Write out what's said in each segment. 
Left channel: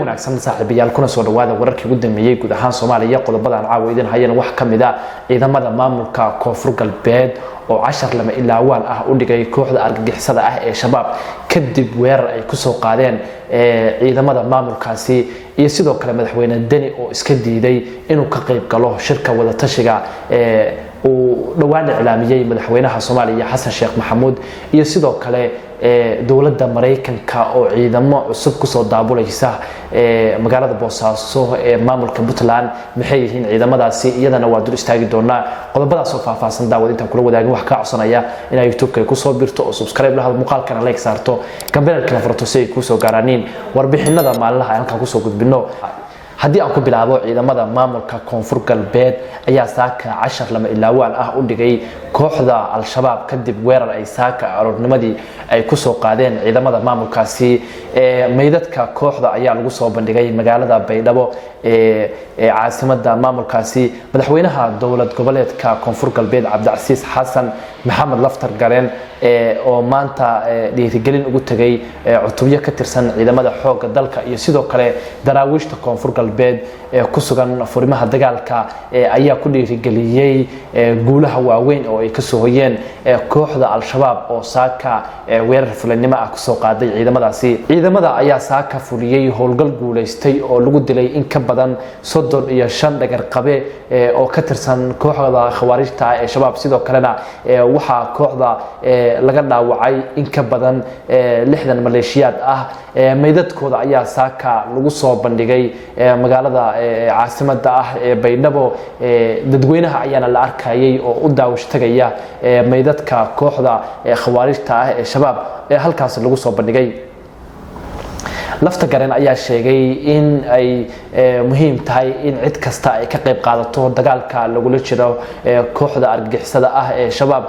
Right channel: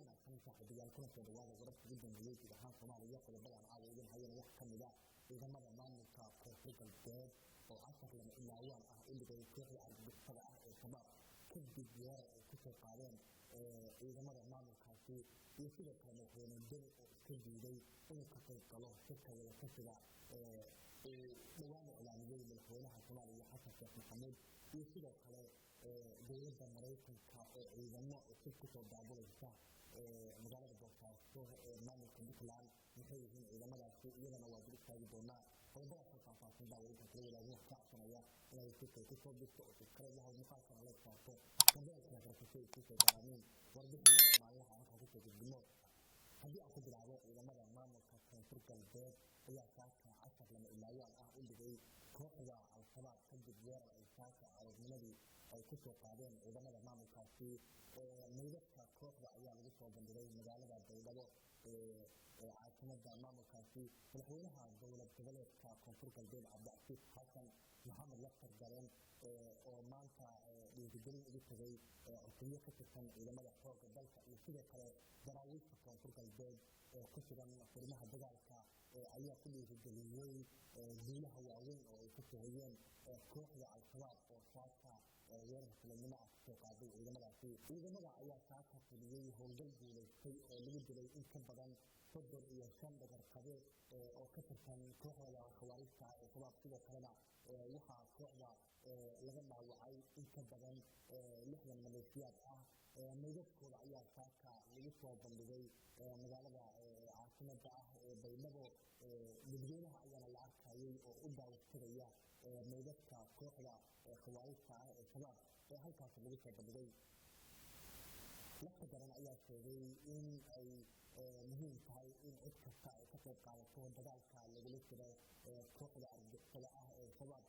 wanaagsan saaxiibayaal kuna soo dhawaada wararkii ugu dambeeyay guud ahaan Soomaaliya qodobadan caawidan hayeen wax kamida ciidamada maamulka Koonfur Galbeed oo 10 lama ilaawaan ah u dhigay kooxda argagixisada ah ee shabaab kadib weerar ay ku soo qaadeen ciidamada maamulkaasi iyo sidoo kale madaxweyne Deni oo iska diiday inuu ka qayb galo shirka wada tashiga oo dhawaan iclaamiyay madaxweynaha Soomaaliya Xasan Sheekh Maxamuud iyo sidoo kale dawladda Mareykanka oo ciidamo cusub ku soo daabulaysa magaalada Boosaaso ee maamulka Puntland maxay yihiin ciidamadaasi iyadana waa dul istaagi doonaa qodobadaas oo faahfaahsan daawadinta kula wadaagin wax ka codsanaya in ay YouTube-ka ku soo birto oo subscribe lahad muuqaalkana like saarto gambarka furto si ay ku soo gaaraniin warbixinada maalinlaha halka ku soo gudbino haddii aan ku bilaabo ciidamada maamulka Koonfur Galbeed ayaa saaka 10 lama ilaawaan ah u dhigay kooxda al-shabaab kadib weerar ay saaka aroornimadii ay ku soo qaadeen ciidamada maamulkaasi meydadka kooxda ayaa lagu soo bandhigay magaalada Baydhabo caasimada maamulkaasi madaxweynaha dawlad goboleedka Koonfur Galbeed Cabdicasiis Xasan Maxamed Laftar Gareen oo maanta dhiirigelin ugu tagay cutubyo ka tirsan ciidamada xoogga dalka iyo sidoo kale daraawiishta Koonfur Galbeed ku sugan furimaha dagaalka ayaa ku dhiirigeliyay guulaha waaweyn oo ay ka soo hoyeen kooxda al-shabaab oo saaka weerar fulinimo ah ku soo qaaday ciidamada ayaa saaka fuliyay howlgal guuleystay oo lagu dilay in ka badan 35 dhagar qabe oo ka tirsan kooxda khawaarijta ee shabaab sidoo kalena waxa kooxda laga dhaawacay in ka badan 60 maleeshiyaad ah meydadkooda ayaa saaka lagu soo bandhigay magaalada caasimada ah ee Baydhabo dadweynaha ayaana la arkayay oo u daawash tagaya meydadka kooxda khawaarijta ah ee shabaab halkaas lagu soo bandhigay Laftar Gareen ayaa sheegay in ay muhiim tahay in cid kasta ay ka qayb qaadato dagaalka lagula jiro kooxda argagixisada ah ee shabaab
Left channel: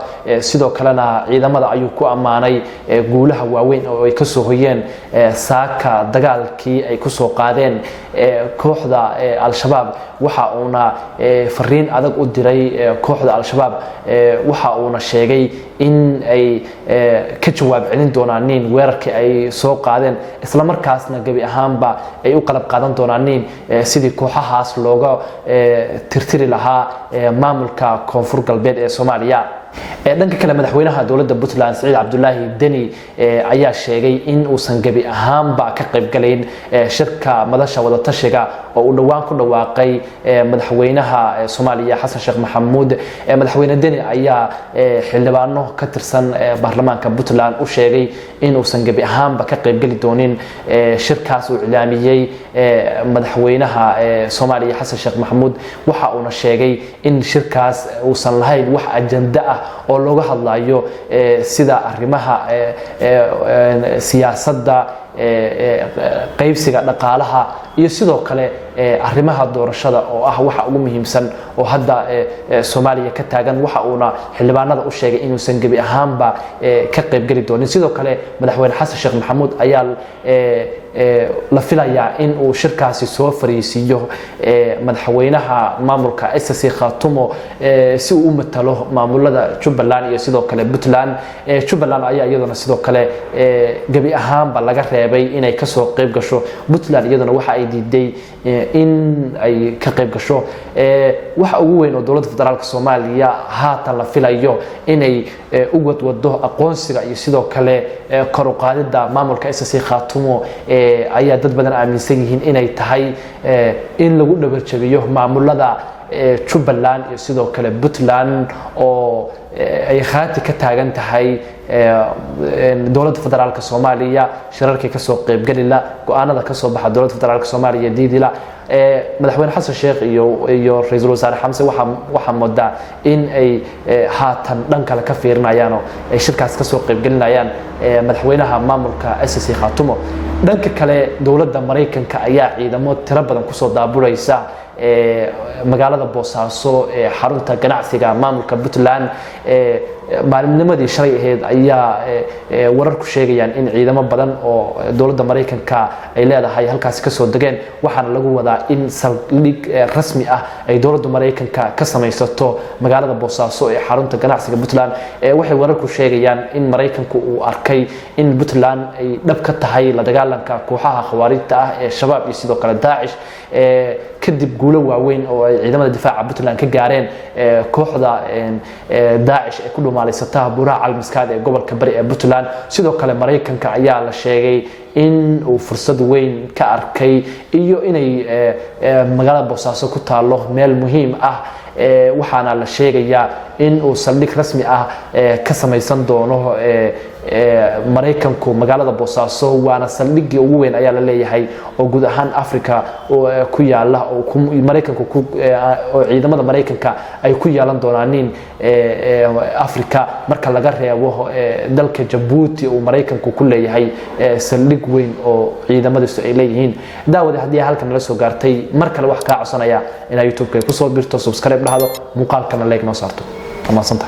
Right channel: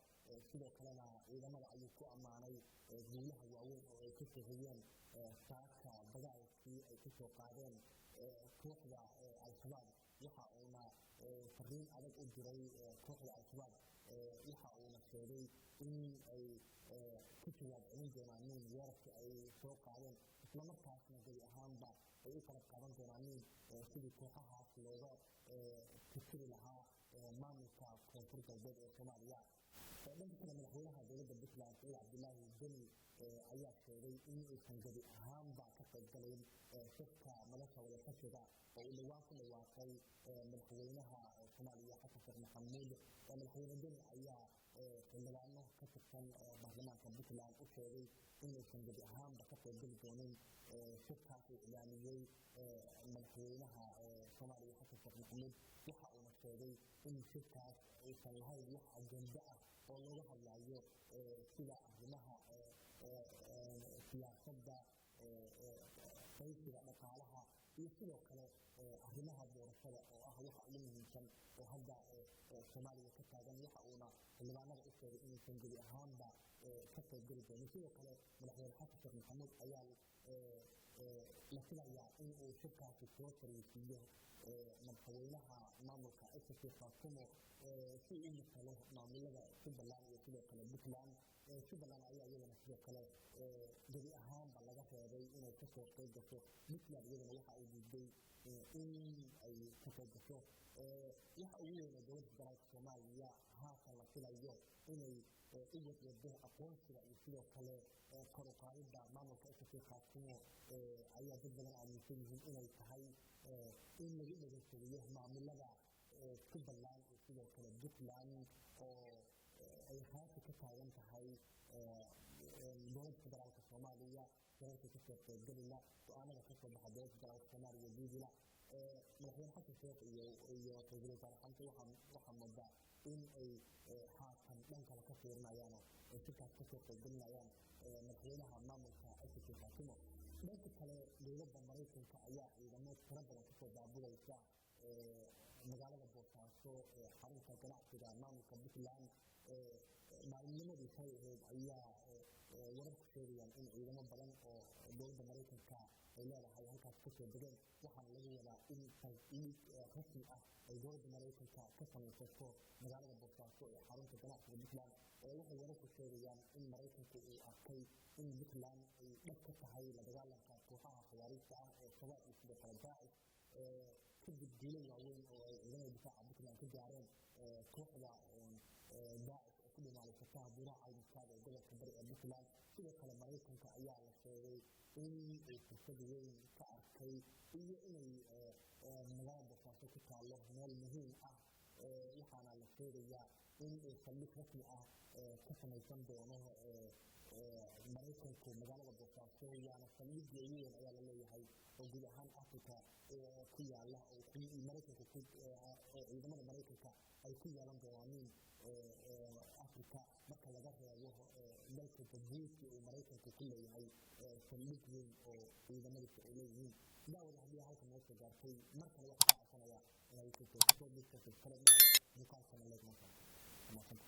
sidoo kalena ciidamada ayuu ku amaanay guulaha waaweyn oo ay ka soo hoyeen saaka dagaalkii ay ku soo qaadeen kooxda al-shabaab waxa uuna fariin adag u diray kooxda al-shabaab waxa uuna sheegay in ay ka jawaab celin doonaan weerarkii ay soo qaadeen isla markaasna gabi ahaanba ay u qalab qaadan doonaan sidii kooxahaas looga tirtiri lahaa maamulka Koonfur Galbeed ee Soomaaliya dhanka kale madaxweynaha dawladda Puntland Saciid Cabdullaahi Deni ayaa sheegay in uusan gabi ahaanba ka qayb galayn shirka madasha wada tashiga oo uu dhawaan ku dhawaaqay madaxweynaha Soomaaliya Xasan Sheekh Maxamuud madaxweyne Deni ayaa xildhibaano ka tirsan baarlamaanka Puntland u sheegay in uusan gabi ahaanba ka qayb gali doonin shirkaas uu iclaamiyay madaxweynaha Soomaaliya Xasan Sheekh Maxamuud waxa uu sheegay in shirkaas uusan lahayn wax ajanda ah oo looga hadlayo sida arrimaha siyaasadda qaybsiga dhaqaalaha iyo sidoo kale arrimaha doorashada oo ah waxa ugu muhiimsan oo hadda Soomaaliya ka taagan waxa uuna xildhibaanada u sheegay inuu san gabi ahaanba ka qayb gali doonin sidoo kale madaxweyne Xasan Sheekh Maxamuud ayaa la filayaa in uu shirkaasi soo fariisiyo madaxweynaha maamulka SSC Khaatumo si uu u matalo maamulada Jubbaland iyo sidoo kale Puntland Jubbaland ayaa iyaduna sidoo kale gabi ahaanba laga reebay inay ka soo qayb gasho Puntland iyaduna waxa ay diiday in ay ka qayb gasho waxa ugu weyn oo dawladda federaalka Soomaaliya haatan la filayo inay u wadwado aqoonsiga iyo sidoo kale kor u qaadida maamulka SSC Khaatumo ayaa dad badan aaminsan yihiin inay tahay in lagu dhabarjabiyo maamulada Jubbaland iyo sidoo kale Puntland oo ay khaati ka taagan tahay dawladda federaalka Soomaaliya shirarkii ka soo qayb galila go'aanada ka soo baxa dawladda federaalka Soomaaliya diidila madaxweyne Xasan Sheekh iyo ra'iisul wasaare Xamse waxa moodaa in ay haatan dhan kale ka fiirinayaan oo ay shirkaas ka soo qayb galinayaan madaxweynaha maamulka SSC Khaatumo dhanka kale dawladda Mareykanka ayaa ciidamo tiro badan ku soo daabulaysa magaalada Boosaaso xarunta ganacsiga maamulka Puntland maalinnimadii shalay ahayd ayaa wararku sheegayaan in ciidamo badan oo dowladda Mareykanka ay leedahay halkaas ka soo degeen waxaana lagu wadaa in saldhig rasmi ah ay dowladda Mareykanka ka samaysato magaalada Boosaaso ee xarunta ganacsiga Puntland waxay wararku sheegayaan in Mareykanku uu arkay in Puntland ay dhab ka tahay la dagaalanka kooxaha khawaarijta ah ee shabaab iyo sidoo kale Daesh kadib guulo waaweyn oo ay ciidamada difaaca Puntland ka gaareen kooxda Daesh ee ku dhumaaleysata buuraha Calmiskaad ee gobolka bari ee Puntland sidoo kale Mareykanka ayaa la sheegay in uu fursad weyn ka arkay iyo inay magaalada Boosaaso ku taalo meel muhiim ah waxaana la sheegayaa in uu saldhig rasmi ah ka samaysan doono Mareykanku magaalada Boosaaso waana saldhigii ugu weyn ayaa la leeyahay oo guud ahaan Afrika oo ku yaala oo Mareykanku oo ciidamada Mareykanka ay ku yeelan doonaan Afrika marka laga reebo dalka Djibouti oo Mareykanku ku leeyahay saldhig weyn oo ciidamadiisu ay leeyihiin daawada hadii halkan la soo gaartay mar kale wax ka codsanaya in YouTube-ka ku soo birto subscribe dhahdo muuqaalkana like noo saarto ama santa